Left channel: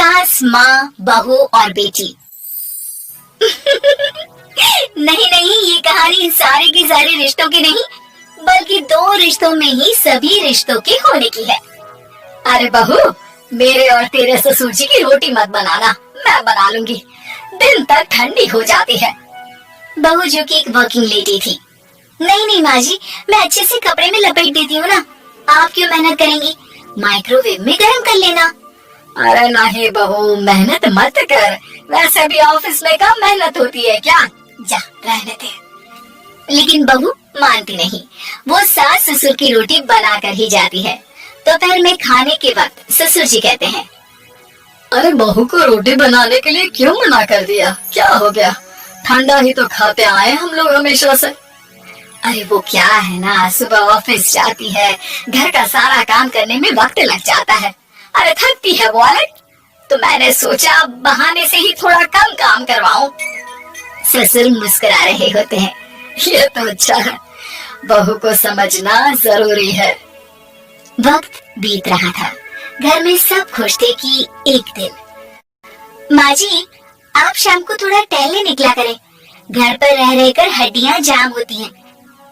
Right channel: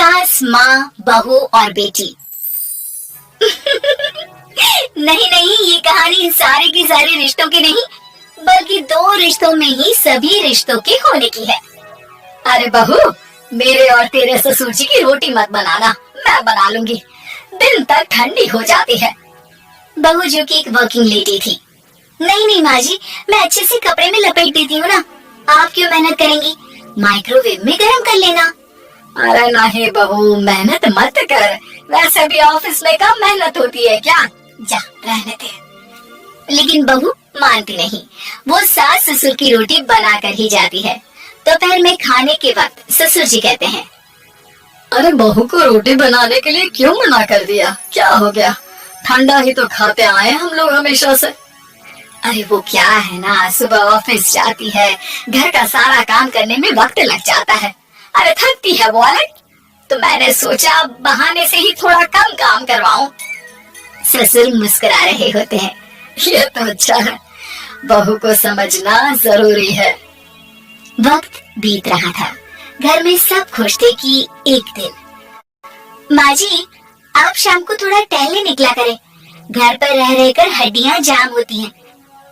सास, माँ, बहू और बेटी। नहीं नहीं, ये कहानी इन सारे के सारे रिश्तों की नहीं, बल्कि दो रिश्तों में ही सभी रिश्तों के होने की है। अरे बहू, मेरे और तेरे ससुर जी की रोटी मत बनाना, मैं बना लूंगी, दिन तक ठंडी हो जाती है। बहू जो कि एक वर्किंग लेडी थी। नहीं नहीं माँ जी, मैं अच्छे से कपड़े में लपेट देती हूँ ना, आप क्यों मेहनत करेंगी, माइक्रोवेव में गर्म कर लेना। अरे नहीं बहू, मेहनत मत कर, वैसे भी ऑफिस में कम मेहनत होती है क्या, जा रहने दे। लेकिन बहू मानती नहीं, वो सास ससुर की रोटी बना कर ही जाती है। दोपहर में खाने के वक्त ससुर जी कहते हैं, अरे बहू को रोटी बनाने के लिए क्यों मना कर दिया, क्या हो गया, ठंडा ही तो खाते आए हम लोग हमेशा से। अरे वो क्या है ना, सुबह ऑफिस जाती है, घर का सारा काम करने में वक्त लग जाता है, अरे थकती है वो अलग, तो मैंने सोचा बहाने से ही थोड़ा कम काम करवाऊं। ससुर मुस्कुरा रहे होते हैं, ये तो अच्छा है, बहू को समझना जरूरी है। वक्त बीत रहा था, घर में सब खुश थे कि एक दिन। माँ जी, आप शाम को थोड़ा टहलने निकला करें, घर पर रह रहकर हड्डियां जाम होती हैं,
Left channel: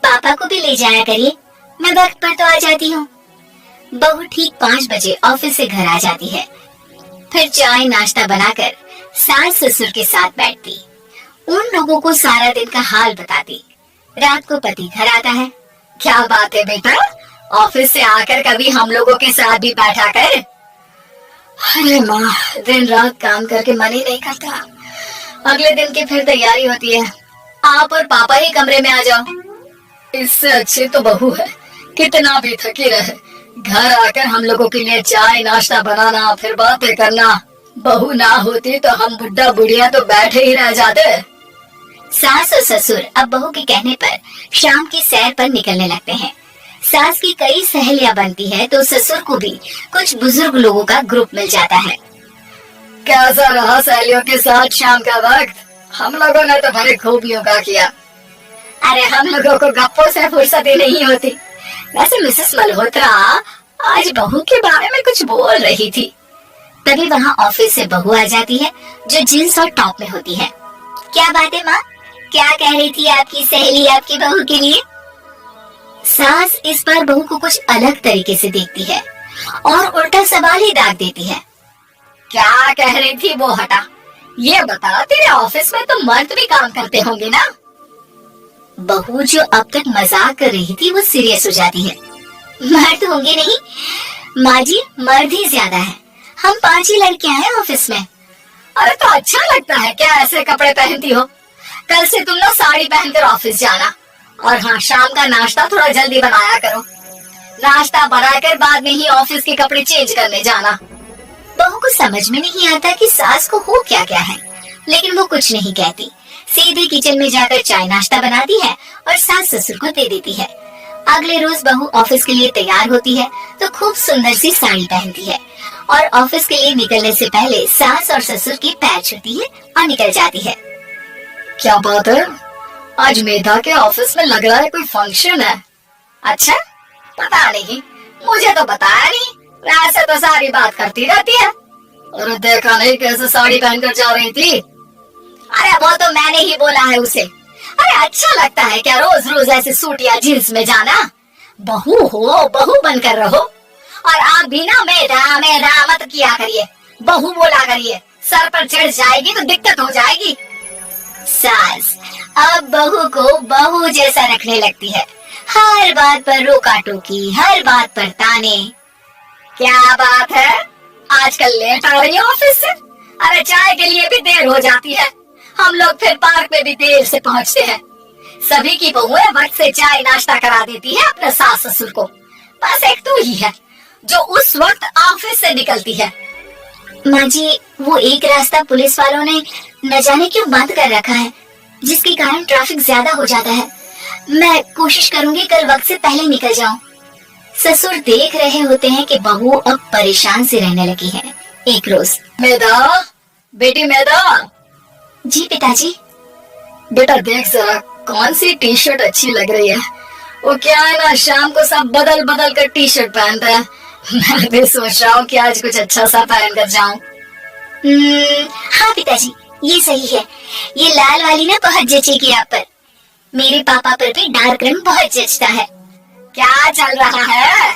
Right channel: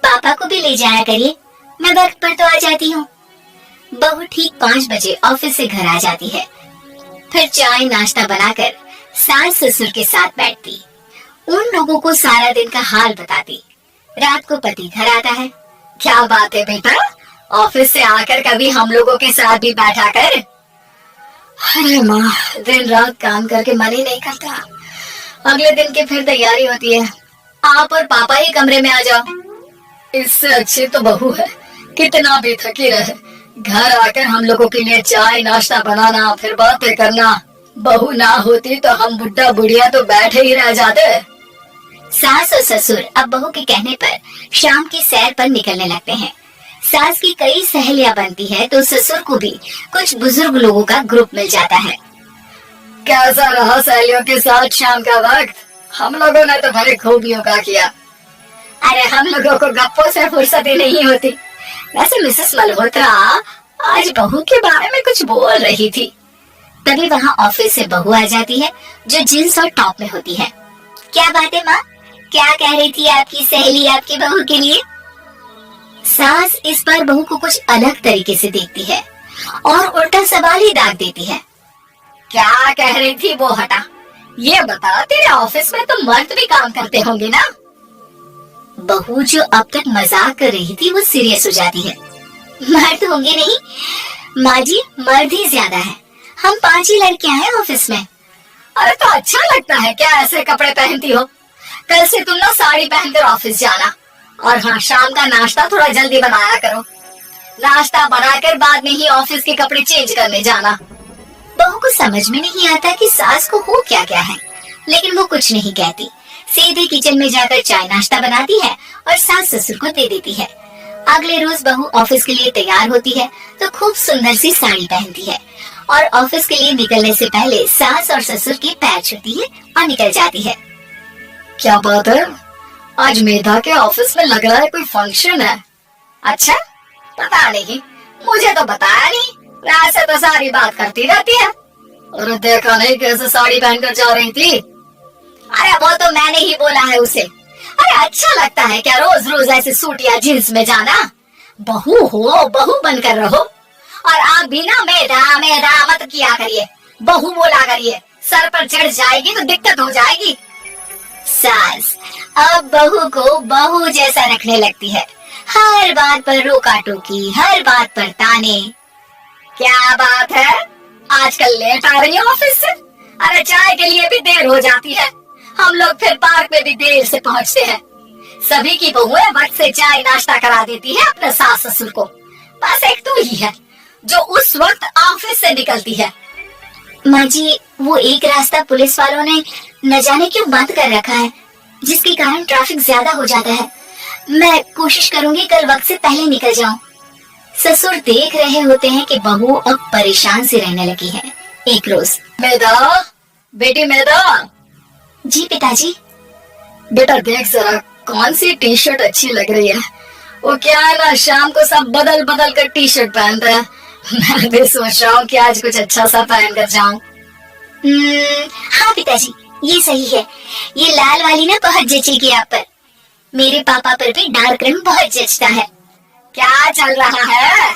पापा को भी ले जाया करिए, मैं वक्त पर तो आ जाती हूँ। बहू ठीक 5 बजे ऑफिस से घर आ जाती है, फिर चाय नाश्ता बनाकर सास ससुर के साथ बैठती, उन लोगों को सारा दिन का हाल बताती। रात को पति घर आता है। क्या बात है बेटा, ऑफिस से आकर कभी हम लोगों के साथ भी बैठा कर। अरे माँ, दिन रात काम करके मन ही नहीं करता, अगले दिन की फिर तैयारी होती है, आप और पापा ही कमरे में आ जाओ। इससे अच्छी तो बहू है, कितना भी थकी रहे, घर आकर हम लोगों के लिए चाय नाश्ता बनाना, फिर बातें करना। बहू ना होती तो हम बुढ़ा बुढ़िया तो बैठे ही रह जाते। सास और ससुर अब बहू के कहने पर शाम की सैर पर निकलने लगते हैं। सास की कई सहेलियां बनती है, तो ससुर को भी कुछ बुजुर्ग लोगों का ग्रुप मिल जाता है। कैसा रहा सहेलियों के साथ शाम का वक्त? हम लोगों ने तो भाई खूब योगा किया। अरे हम लोगों को गप्पों से फुर्सत ही नहीं होती। वैसे मिसेस मल्होत्रा आज बहू के बारे में कुछ बोल रही थी। तभी वहाँ ऑफिस से बहू आ जाती है, जो जींस और टॉप में होती है। क्या बात है माँ, क्या कह रही थी आपकी सहेली आपकी बहू के लिए? सास इस बार बहू को कुछ अलग तरीके से देखती है और उल्टा सवाल ही दाग देती है। क्या कह रही थी वो, हटा, ये बता, तेरे ऑफिस में तो मर्द भी काम करते होंगे ना? बहू जो अब तक मजाक कर रही थी वो सीरियस हो जाती है। मर्द होंगे नहीं माँ जी, मर्द ही ज्यादा है, हम 5 ही लड़कियां हैं ऑफिस में। अरे तो अच्छा लगता है क्या ऐसे कपड़े पहनती हो? कल से तुम ना साड़ी पहनकर ऑफिस जाना, और हाँ, शाम का नाश्ता थोड़ा जल्दी बनाया करो, नाश्ता बनाकर बाद में ही ऑफिस के कपड़े चेंज करने जाना। बहू को समझ में नहीं आता कि सास को हो क्या क्या है, लेकिन वो कुछ नहीं कहती, सीधे किचन में जाकर चाय नाश्ता बनाती है और सास ससुर को दे देती है। अगले रोज बहू ऑफिस के लिए तैयार होती है तो खूब सुंदर सी साड़ी पहनती है और ऑफिस के लिए निकलने से पहले सास और ससुर के पैर छूती है और निकल जाती है। क्या बात है, आज मेधा के ऑफिस में लग रहा है कोई फंक्शन है। अच्छा, पता नहीं, मुझे तो बताया नहीं, वैसे तो सारी बात करती रहती है। अरे देखा नहीं कैसे साड़ी पहनकर जा रही थी? अरे वो तो मैंने ही बोला है उसे। अरे अच्छा लगता है क्या रोज रोज ऐसे सूट या जींस में जाना? बहू हो, बहू बनकर रहो, और आप भी ना मेधा मेधा मत किया करिए, बहू बोला करिए, सर पर चढ़ जाएगी तो दिक्कत हो जाएगी। सास अब बहू को बहू जैसा रखने लगती है, हर बात पर रोका टोकी, हर बात पर ताने। क्या बात है, आजकल लेट आ रही है ऑफिस से? अरे चाय के लिए भी देर हो जाती है, हम लोग फिर पार्क में भी देर से पहुंचते हैं। सभी की बहुएं वक्त से चाय नाश्ता करा देती है अपने सास ससुर को, बस एक तू ही है जो उस वक्त ऑफिस से निकलती है। माँ जी, वो एक रास्ता पुलिस वालों ने न जाने क्यों बंद कर रखा है, जिसके कारण ट्रैफिक ज्यादा हो जाता है। मैं कोशिश करूंगी कल वक्त से पहले निकल जाऊं। ससुर देख रहे होते हैं कि बहू अब परेशान सी रहने लगी है। एक रोज, मेधा, बेटी मेधा। जी पिताजी। बेटा देख जरा, कौन सी टी शर्ट अच्छी लग रही है? वो क्या है ना, शाम को सब बदल बदल कर टी शर्ट पहनते हैं, मैं भी सोच रहा हूँ कि आज कुछ अच्छा सा पहन कर जाऊं। हाँ पिताजी, ये सही है। ये लाल वाली ना बहुत जचेगी आप पर। मेरे पापा पर भी डार्क रंग बहुत जचता है। क्या चल रहा है?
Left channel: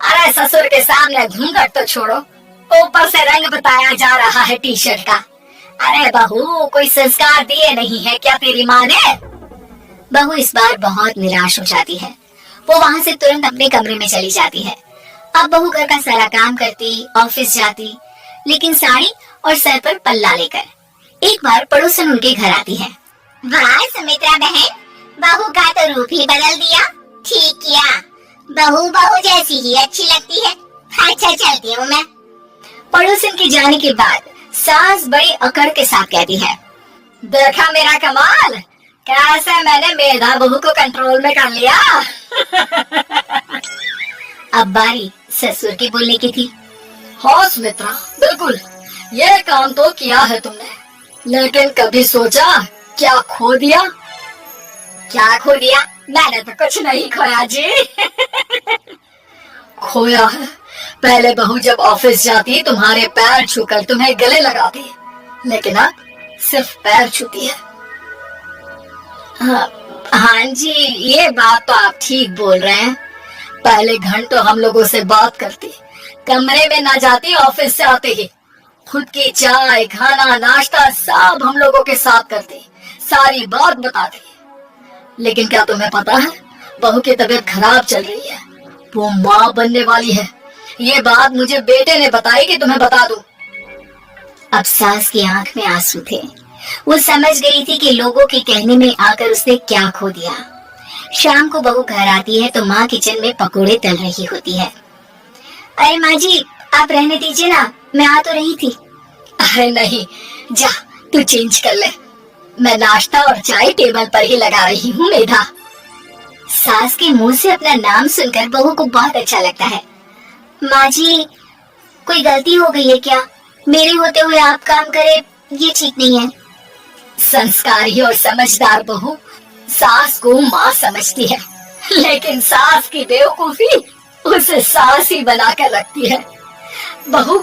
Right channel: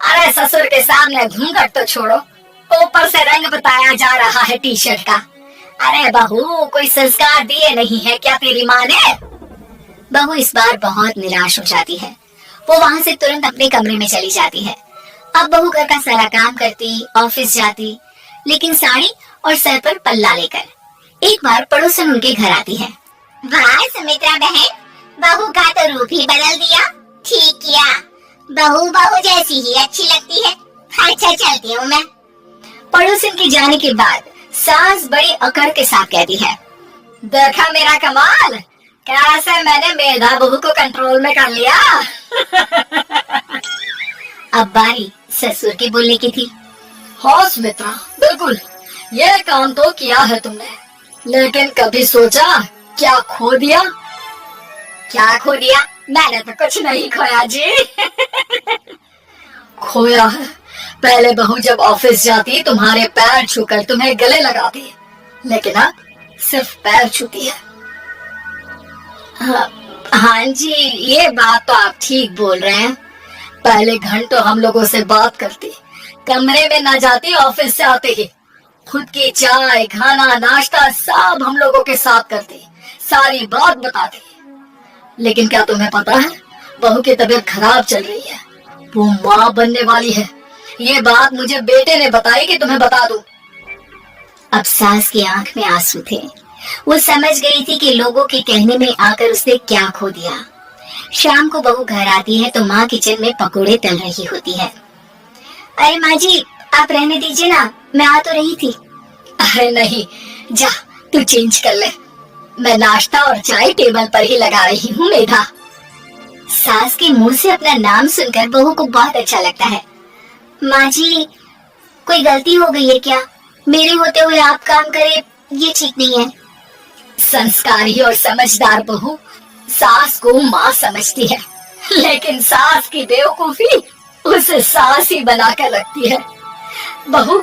अरे ससुर के सामने घूंघट तो छोड़ो, ऊपर से रंग बताया जा रहा है टी शर्ट का। अरे बहू, कोई संस्कार दिए नहीं है क्या तेरी माँ ने? बहू इस बार बहुत निराश हो जाती है। वो वहाँ से तुरंत अपने कमरे में चली जाती है। अब बहू घर का सारा काम करती, ऑफिस जाती, लेकिन साड़ी और सर पर पल्ला लेकर। एक बार पड़ोसन उनके घर आती है। वाह सुमित्रा बहन, बहू का तो रूप ही बदल दिया। ठीक किया, बहू बहू जैसी ही अच्छी लगती है। अच्छा चलती हूँ मैं। पड़ोसन के जाने के बाद सास बड़ी अकड़ के साथ कहती है, देखा मेरा कमाल, कैसे मैंने मेधा बहू को कंट्रोल में कर लिया। अब बारी ससुर के बोलने की थी। हाँ सुमित्रा, बिल्कुल ये काम तो किया है तुमने, लेकिन कभी सोचा क्या खो दिया? क्या खो दिया? मैंने तो कुछ नहीं खोया जी। खोया है, पहले बहू जब ऑफिस जाती तुम्हारे पैर छूकर तुम्हें गले लगाती, लेकिन अब सिर्फ पैर छूती है। हाँ जी, ये बात तो आप ठीक बोल रहे हैं। पहले घंटों हम लोगों से बात करती, कमरे में ना जाती, ऑफिस से आते ही खुद की चाय, खाना, नाश्ता सब हम लोगों के साथ करती, सारी बात बताती। लेकिन क्या तुम्हें पता है, बहू की तबीयत खराब चल रही है, वो माँ बनने वाली है। ये बात मुझे बेटे ने बताई कि तुम्हें बता दूं। अब सास की आंख में आंसू थे। वो समझ गई थी कि लोगों के कहने में आकर उसने क्या खो दिया। शाम को बहू घर आती है तो माँ किचन में पकोड़े तल रही होती है। अरे माँ जी, आप रहने दीजिए ना, मैं आ तो रही थी। अरे नहीं, जा तू चेंज कर ले, मैं नाश्ता और चाय टेबल पर ही लगा रही हूँ मेधा। सास के मुंह से अपना नाम सुनकर बहू को बहुत अच्छा लगता है। माँ जी, कोई गलती हो गई है क्या? मेरे होते हुए आप काम करे, ये ठीक नहीं है। संस्कारी और समझदार बहू सास को माँ समझती है, लेकिन सास की बेवकूफी उसे सास ही बनाकर रखती है। बहू,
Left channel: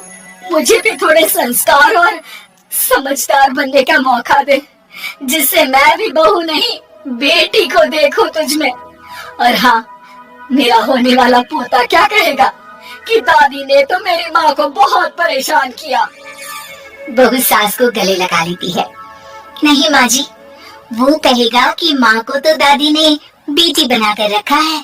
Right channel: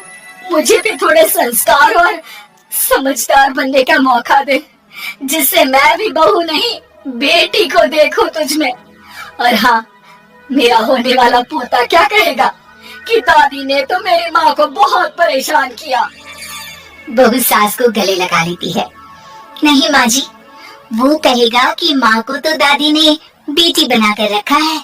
मुझे भी थोड़े संस्कार और समझदार बनने का मौका दे, जिससे मैं भी बहू नहीं बेटी को देखूं तुझ में। और हाँ, मेरा होने वाला पोता क्या कहेगा कि दादी ने तो मेरी माँ को बहुत परेशान किया। बहू सास को गले लगा लेती है। नहीं माँ जी, वो कहेगा कि माँ को तो दादी ने बेटी बनाकर रखा है।